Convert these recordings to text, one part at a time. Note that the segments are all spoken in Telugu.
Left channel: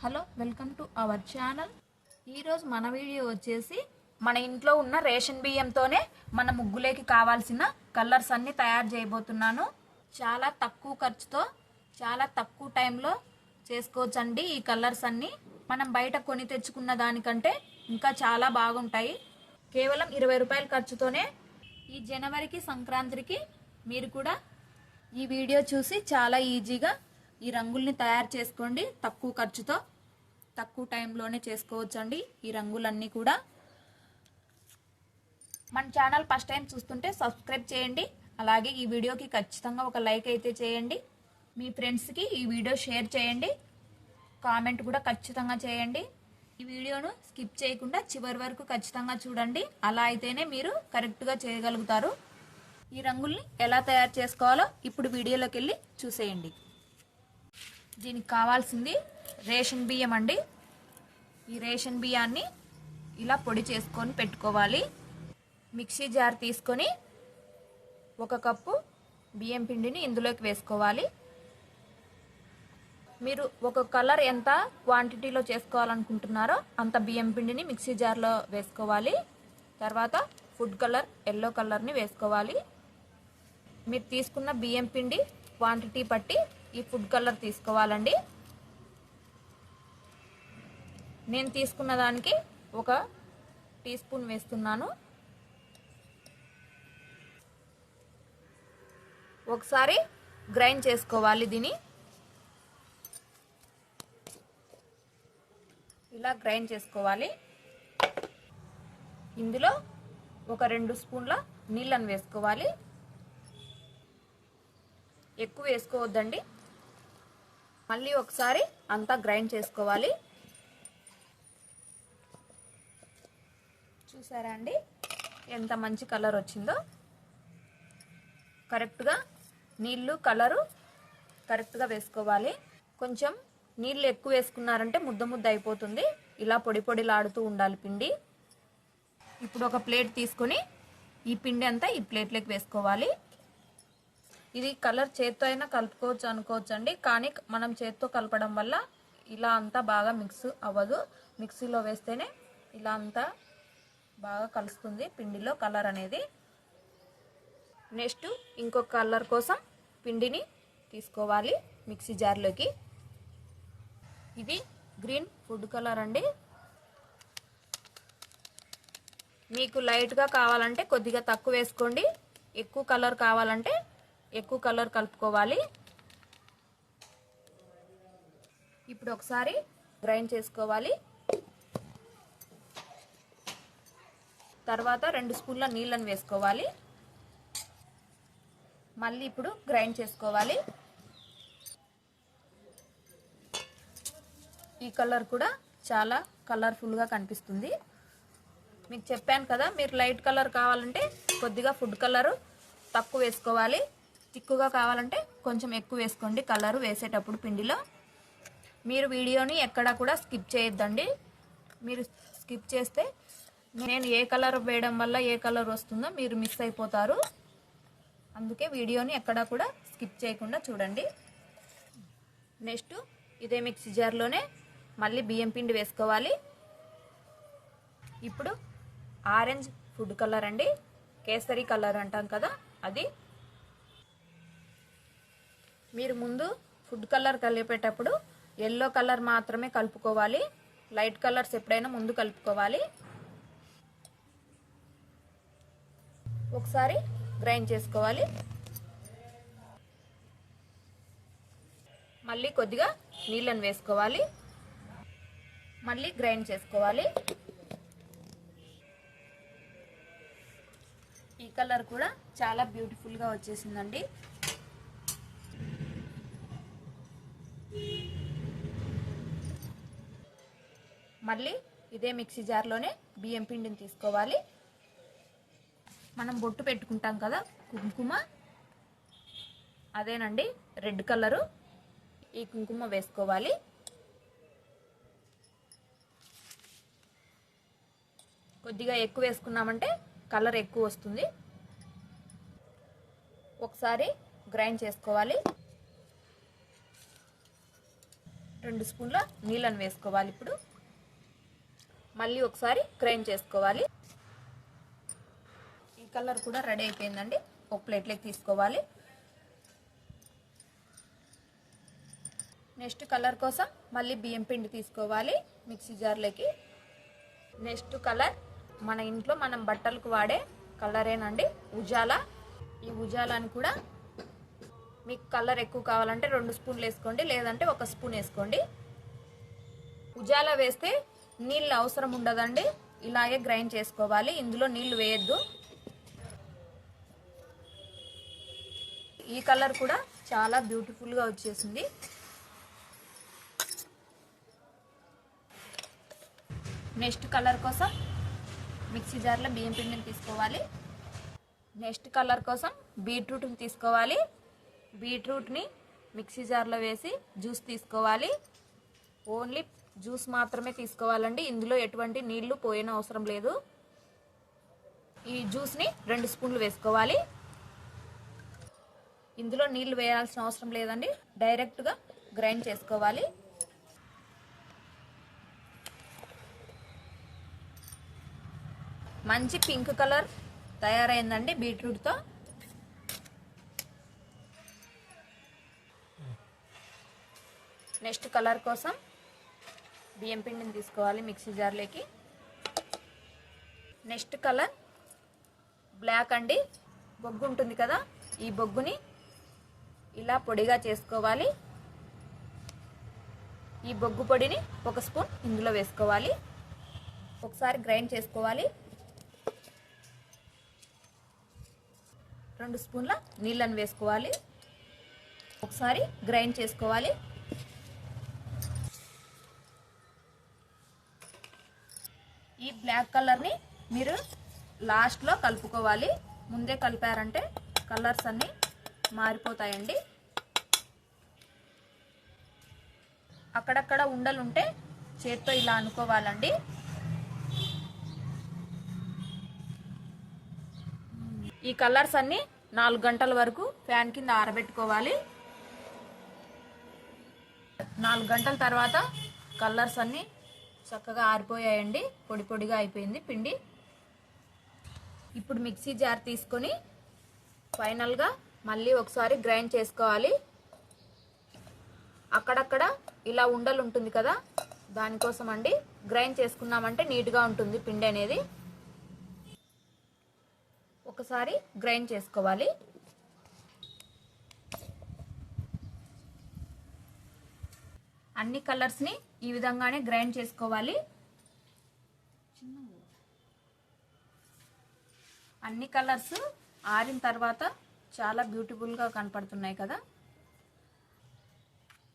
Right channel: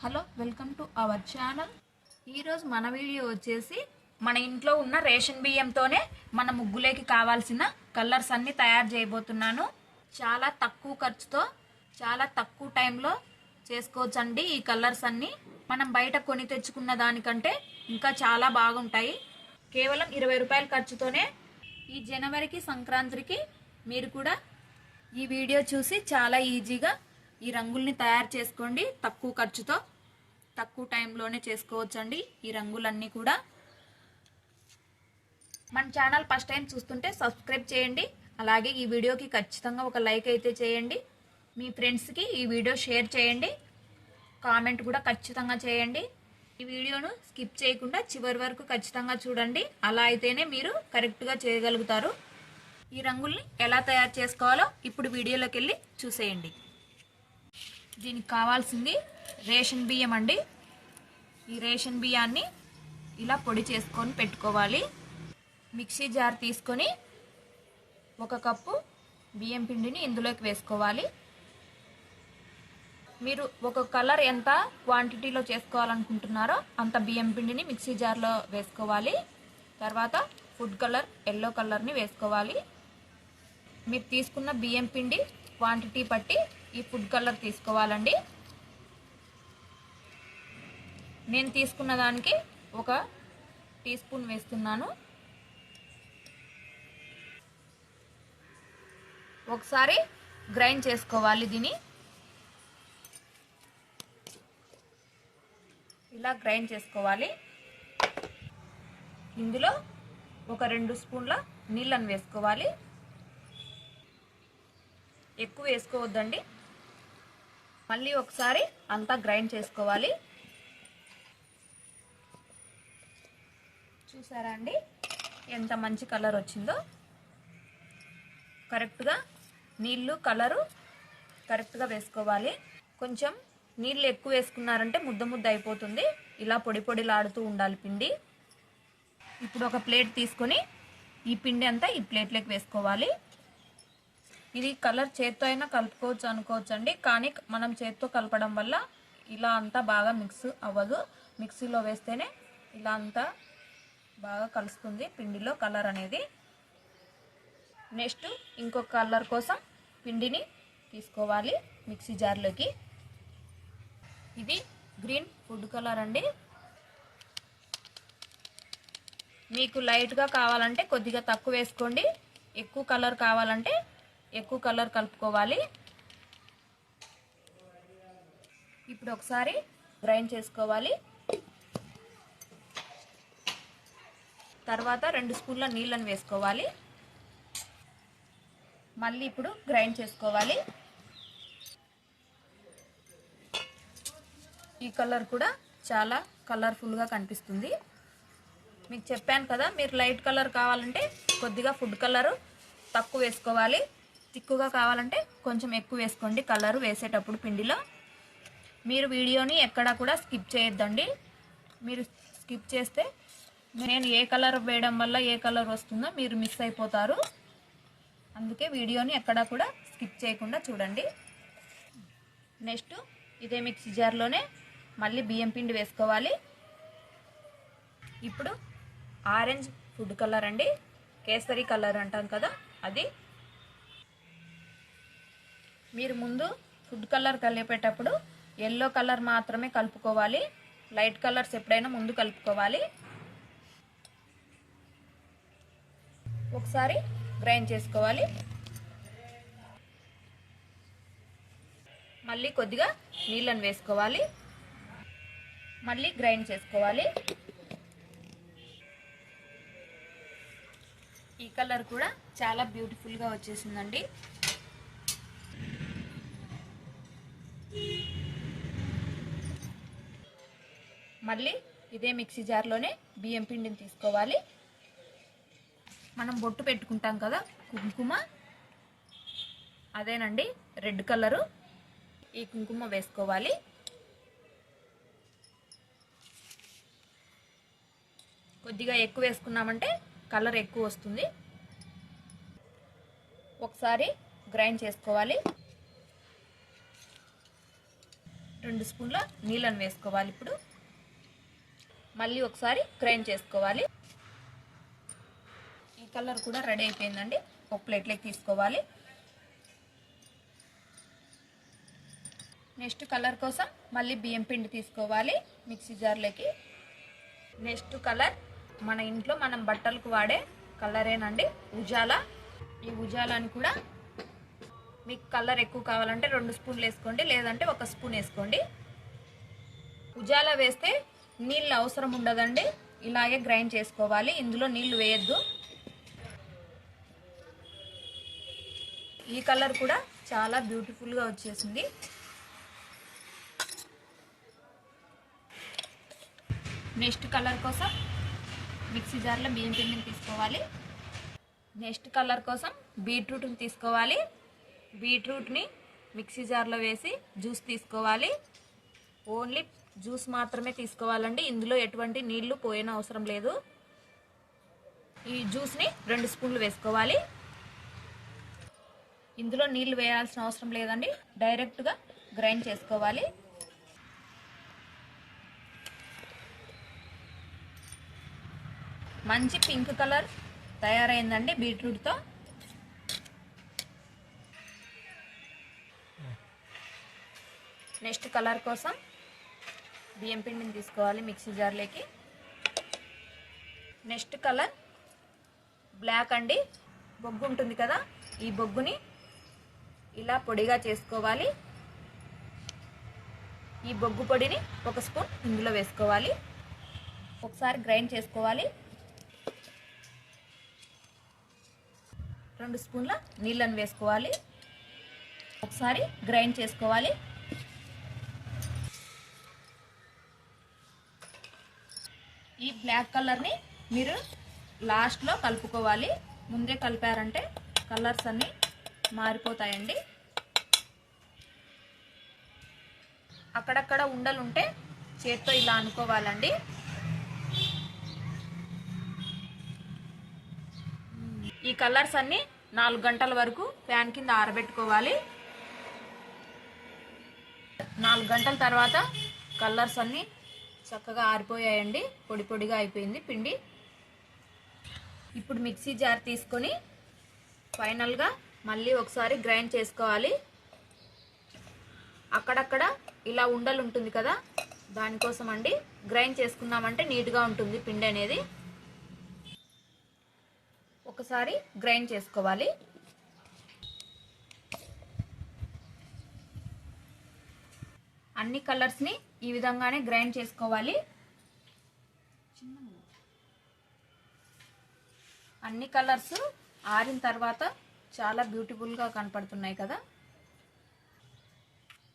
Hello welcome to our channel. ఈరోజు మన వీడియో వచ్చేసి మన ఇంట్లో ఉన్న రేషన్ బియ్యంతోనే మన ముగ్గులేకి కావాల్సిన కలర్స్ అన్నీ తయారు చేయబోతున్నాను. చాలా తక్కువ ఖర్చుతో చాలా తక్కువ టైంలో చేసుకోవచ్చండి ఈ కలర్స్ అన్నీ. మనం బయట కొని తెచ్చుకున్న దానికంటే ఇంకా చాలా బాగుంటాయి. కేవలం ఇరవై రూపాయల ఖర్చుతోనే ఈ జనవరికి సంక్రాంతికి మీరు కూడా ఈ వీడియో చూసి చాలా ఈజీగా ఈ రంగుల్ని తయారు చేసుకోండి తక్కువ ఖర్చుతో. తక్కువ టైంలోనే చేసుకోవచ్చండి ఈ రంగులన్నీ కూడా. మన ఛానల్ ఫస్ట్ టైం చూస్తుంటే సబ్స్క్రైబ్ చేయండి. అలాగే ఈ వీడియోకి ఖచ్చితంగా ఒక లైక్ అయితే చేయండి. మీ ఫ్రెండ్స్కి ఈ వీడియో షేర్ చేయండి. కామెంట్ కూడా ఖచ్చితంగా చేయండి. ఈ వీడియోను స్కిప్ చేయకుండా చివరి వరకు ఖచ్చితంగా చూడండి. అలా అయితేనే మీరు కరెక్ట్గా చేయగలుగుతారు. ఈ రంగుల్ని ఎలా తయారు చేసుకోవాలో ఇప్పుడు వీడియోలోకి వెళ్ళి చూసేయండి. దీనికి కావాల్సింది రేషన్ బియ్యం అండి. ఈ రేషన్ బియ్యాన్ని ఇలా పొడి చేసుకొని పెట్టుకోవాలి. మిక్సీ జార్ తీసుకొని ఒక కప్పు బియ్యం పిండిని ఇందులోకి వేసుకోవాలి. మీరు ఒక కలర్ ఎంత క్వాంటిటీలో చేసుకోవాలనుకుంటున్నారో అంత బియ్యం పిండిని మిక్సీ జార్లో వేసుకోవాలి. తర్వాత ఫుడ్ కలర్ ఎల్లో కలర్ని వేసుకోవాలి. మీరు తీసుకున్న బియ్యం పిండి క్వాంటిటీ బట్టి ఈ ఫుడ్ కలర్ తీసుకోవాలండి. నేను తీసుకున్న దానికి ఒక టీ స్పూన్ వేస్తున్నాను. ఒకసారి గ్రైండ్ చేసుకోవాలి దీన్ని. ఇలా గ్రైండ్ చేసుకోవాలి. ఇందులో ఒక రెండు స్పూన్ల నీళ్ళని వేసుకోవాలి. ఎక్కువ వేసుకోవద్దండి. మళ్ళీ ఒకసారి అంతా గ్రైండ్ చేసుకోవాలి. చూసారా అండి? ఎంత మంచి కలర్ వచ్చిందో. కరెక్ట్గా నీళ్ళు కలరు కరెక్ట్గా వేసుకోవాలి. కొంచెం నీళ్ళు ఎక్కువ వేసుకున్నారంటే ముద్ద ముద్ద అయిపోతుంది. ఇలా పొడి పొడిలాడుతూ ఉండాలి పిండి. ఇప్పుడు ఒక ప్లేట్ తీసుకొని ఈ పిండి అంతా ఈ ప్లేట్లోకి వేసుకోవాలి. ఇది కలర్ చేత్తో అయినా కలుపుకోవచ్చు అనుకోవచ్చు అండి కానీ మనం చేత్తో కలపడం వల్ల ఇలా అంతా బాగా మిక్స్ అవ్వదు. మిక్సీలో వేస్తేనే ఇలా అంతా బాగా కలుస్తుంది పిండిలో కలర్ అనేది. నెక్స్ట్ ఇంకొక కలర్ కోసం పిండిని తీసుకోవాలి మిక్సీ జార్లోకి. ఇది గ్రీన్ ఫుడ్ కలర్ అండి. మీకు లైట్గా కావాలంటే కొద్దిగా తక్కువ వేసుకోండి. ఎక్కువ కలర్ కావాలంటే ఎక్కువ కలర్ కలుపుకోవాలి. ఇప్పుడు ఒకసారి గ్రైండ్ చేసుకోవాలి. తర్వాత రెండు స్పూన్ల నీళ్ళని వేసుకోవాలి. మళ్ళీ ఇప్పుడు గ్రైండ్ చేసుకోవాలి. ఈ కలర్ కూడా చాలా కలర్ఫుల్గా కనిపిస్తుంది. మీకు చెప్పాను కదా మీరు లైట్ కలర్ కావాలంటే కొద్దిగా ఫుడ్ కలరు తక్కువ వేసుకోవాలి. తిక్కుగా కావాలంటే కొంచెం ఎక్కువ వేసుకోండి. కలరు వేసేటప్పుడు పిండిలో. మీరు వీడియోని ఎక్కడా కూడా స్కిప్ చేయొద్దండి. మీరు స్కిప్ చేస్తే నేను ఏ కలర్ వేయడం వల్ల ఏ కలర్ వస్తుందో మీరు మిస్ అయిపోతారు. అందుకే వీడియోని ఎక్కడా కూడా స్కిప్ చేయకుండా చూడండి. నెక్స్ట్ ఇదే మిక్సీ జార్లోనే మళ్ళీ బియ్యం పిండి వేసుకోవాలి. ఇప్పుడు ఆరెంజ్ ఫుడ్ కలర్ అండి. కేసరి కలర్ అంటాం కదా అది మీరు ముందు ఫుడ్ కలర్ కలిపేటప్పుడు ఎల్లో కలర్ మాత్రమే కలుపుకోవాలి. లైట్ కలర్స్ ఎప్పుడైనా ముందు కలుపుకోవాలి. ఒకసారి గ్రైండ్ చేసుకోవాలి. మళ్ళీ కొద్దిగా నీళ్ళని వేసుకోవాలి. మళ్ళీ గ్రైండ్ చేసుకోవాలి. ఈ కలర్ కూడా చాలా బ్యూటిఫుల్గా వచ్చేసిందండి. మళ్ళీ ఇదే మిక్సీ జార్లోనే బియ్యం పిండిని తీసుకోవాలి. మనం బొట్టు పెట్టుకుంటాం కదా కుంకుమ. అదేనండి రెడ్ కలరు. ఈ కుంకుమ వేసుకోవాలి. కొద్దిగా ఎక్కువ వేసుకున్నామంటే కలర్ ఎక్కువ వస్తుంది. ఒకసారి గ్రైండ్ చేసుకోవాలి. రెండు స్పూన్ల నీళ్ళను వేసుకోవాలి ఇప్పుడు. మళ్ళీ ఒకసారి గ్రైండ్ చేసుకోవాలి. ఈ కలర్ కూడా రెడీ అయిపోయిందండి. ఒక ప్లేట్లోకి తీసుకోవాలి. నెక్స్ట్ కలర్ కోసం మళ్ళీ బియ్యం పిండి తీసుకోవాలి మిక్సీ జార్లోకి నెక్స్ట్ కలర్ మన ఇంట్లో మనం బట్టలకు వాడే కలరేనండి ఉజాలా. ఈ ఉజాలాని కూడా మీకు కలర్ ఎక్కువ కావాలంటే రెండు స్పూన్లు వేసుకోండి లేదంటే ఒక స్పూన్ వేసుకోండి. ఉజాలా వేస్తే నీళ్ళు అవసరం ఉండదండి. ఇలాగే గ్రైండ్ చేసుకోవాలి. ఇందులో నీళ్ళు వేయద్దు. ఈ కలర్ కూడా చాలా బ్యూటిఫుల్గా వచ్చేసింది. నెక్స్ట్ కలర్ కోసం మిక్సీ జార్లో బియ్యం పిండిని తీసుకోవాలి. నెక్స్ట్ కలర్ కోసం బీట్రూట్ని తీసుకోవాలి. బీట్రూట్ని మిక్సీ జార్లో వేసి జ్యూస్ తీసుకోవాలి. ఓన్లీ జ్యూస్ మాత్రమే తీసుకోవాలండి. ఇందులో ఎటువంటి నీళ్ళు పోయిన అవసరం లేదు. ఈ జ్యూస్ని రెండు స్పూన్లు వేసుకోవాలి. ఇందులో నీళ్ళు వేయాల్సిన అవసరం లేదండి. డైరెక్ట్గా గ్రైండ్ చేసుకోవాలి. మంచి పింక్ కలర్ తయారైందండి బీట్రూట్తో నెక్స్ట్ కలర్ కోసం బియ్యం పిండిని తీసుకోవాలి మిక్సీ జార్లోకి. నెక్స్ట్ కలర్ బ్లాక్ అండి. బొగ్గు ఉంటుంది కదా ఈ బొగ్గుని ఇలా పొడిగా చేసుకోవాలి. ఈ బొగ్గు పొడిని ఒక స్పూన్ ఇందులో వేసుకోవాలి. ఒకసారి గ్రైండ్ చేసుకోవాలి. రెండు స్పూన్ల నీళ్ళని వేసుకోవాలి. ఒకసారి గ్రైండ్ చేసుకోవాలి ఈ బ్లాక్ కలర్ని మీరు లాస్ట్లో కలుపుకోవాలి. ముందే కలిపారంటే కలర్స్ అన్నీ మారిపోతాయండి. అక్కడక్కడ ఉండలు ఉంటే చేత్తో ఇలా అనుకోవాలండి. ఈ కలర్స్ అన్నీ నాలుగు గంటల వరకు ఫ్యాన్ కింద ఆరబెట్టుకోవాలి. నాలుగు గంటల తర్వాత కలర్స్ అన్నీ చక్కగా ఆరిపోయాయండి. పొడి పొడిగా అయిపోయింది పిండి. ఇప్పుడు మిక్సీ జార్ తీసుకొని ఫైనల్గా మళ్ళీ ఒకసారి గ్రైండ్ చేసుకోవాలి. అక్కడక్కడ ఇలా ఉండలు ఉంటుంది కదా దానికోసం అండి గ్రైండ్ చేసుకున్నామంటే నీట్గా ఉంటుంది పిండి అనేది. ఒకసారి గ్రైండ్ చేసుకోవాలి. అన్ని కలర్స్ని ఈ విధంగానే గ్రైండ్ చేసుకోవాలి. అన్ని కలర్స్ ఆరిన తర్వాత చాలా బ్యూటిఫుల్గా కనపడుతున్నాయి కదా.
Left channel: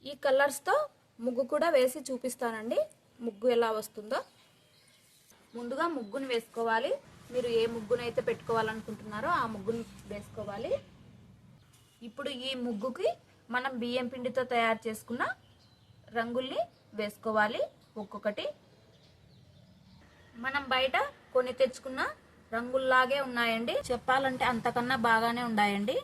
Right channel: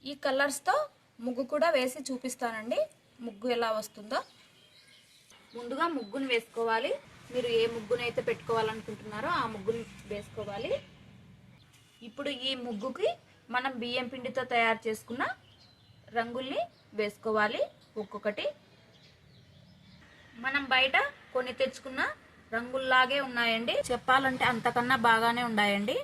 ఈ కలర్స్తో ముగ్గు కూడా వేసి చూపిస్తానండి. ముగ్గు ఎలా వస్తుందో. ముందుగా ముగ్గును వేసుకోవాలి. మీరు ఏ ముగ్గునైతే పెట్టుకోవాలనుకుంటున్నారో ఆ ముగ్గును వేసుకోవాలి. ఇప్పుడు ఈ ముగ్గుకి మనం బియ్యం పిండితో తయారు చేసుకున్న రంగుల్ని వేసుకోవాలి. ఒక్కొక్కటి మనం బయట కొన్ని తెచ్చుకున్న రంగుల్లాగే ఉన్నాయండి. చెప్పాలంటే అంతకన్నా బాగానే ఉన్నాయండి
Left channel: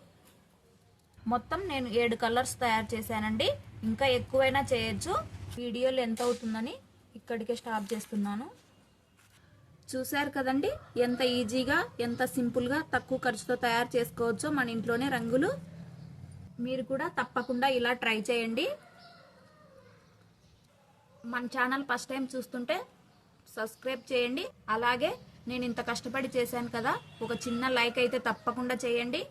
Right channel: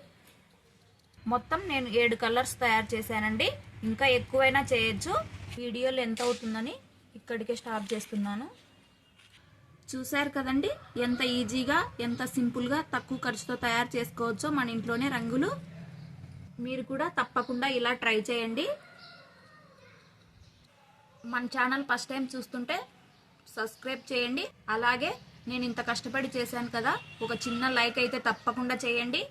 మొత్తం నేను ఏడు కలర్స్ తయారు చేశానండి. ఇంకా ఎక్కువైనా చేయొచ్చు. వీడియోలు ఎంత అవుతుందని ఇక్కడికే స్టాప్ చేస్తున్నాను. చూశారు కదండి? ఎంత ఈజీగా ఎంత సింపుల్గా తక్కువ ఖర్చుతో తయారు చేసుకోవచ్చో మన ఇంట్లోనే రంగులు. మీరు కూడా తప్పకుండా ఇలా ట్రై చేయండి. మన ఛానల్ ఫస్ట్ టైం చూస్తుంటే సబ్స్క్రైబ్ చేయండి. అలాగే నేను ఇంత కష్టపడి చేశాను కదా ఒక చిన్న లైక్ అయితే తప్పకుండా చేయండి.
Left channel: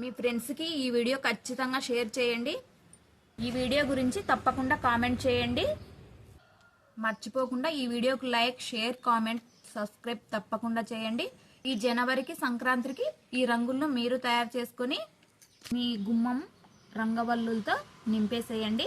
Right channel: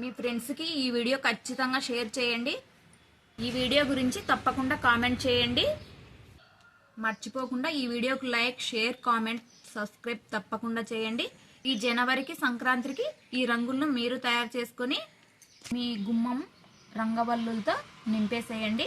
మీ ఫ్రెండ్స్కి ఈ వీడియో ఖచ్చితంగా షేర్ చేయండి. ఈ వీడియో గురించి తప్పకుండా కామెంట్ చేయండి. మర్చిపోకుండా ఈ వీడియోకి లైక్ షేర్ కామెంట్ సబ్స్క్రైబ్ తప్పకుండా చేయండి. ఈ జనవరికి సంక్రాంతికి ఈ రంగులను మీరు తయారు చేసుకొని మీ గుమ్మం రంగవల్లులతో నింపేసేయండి.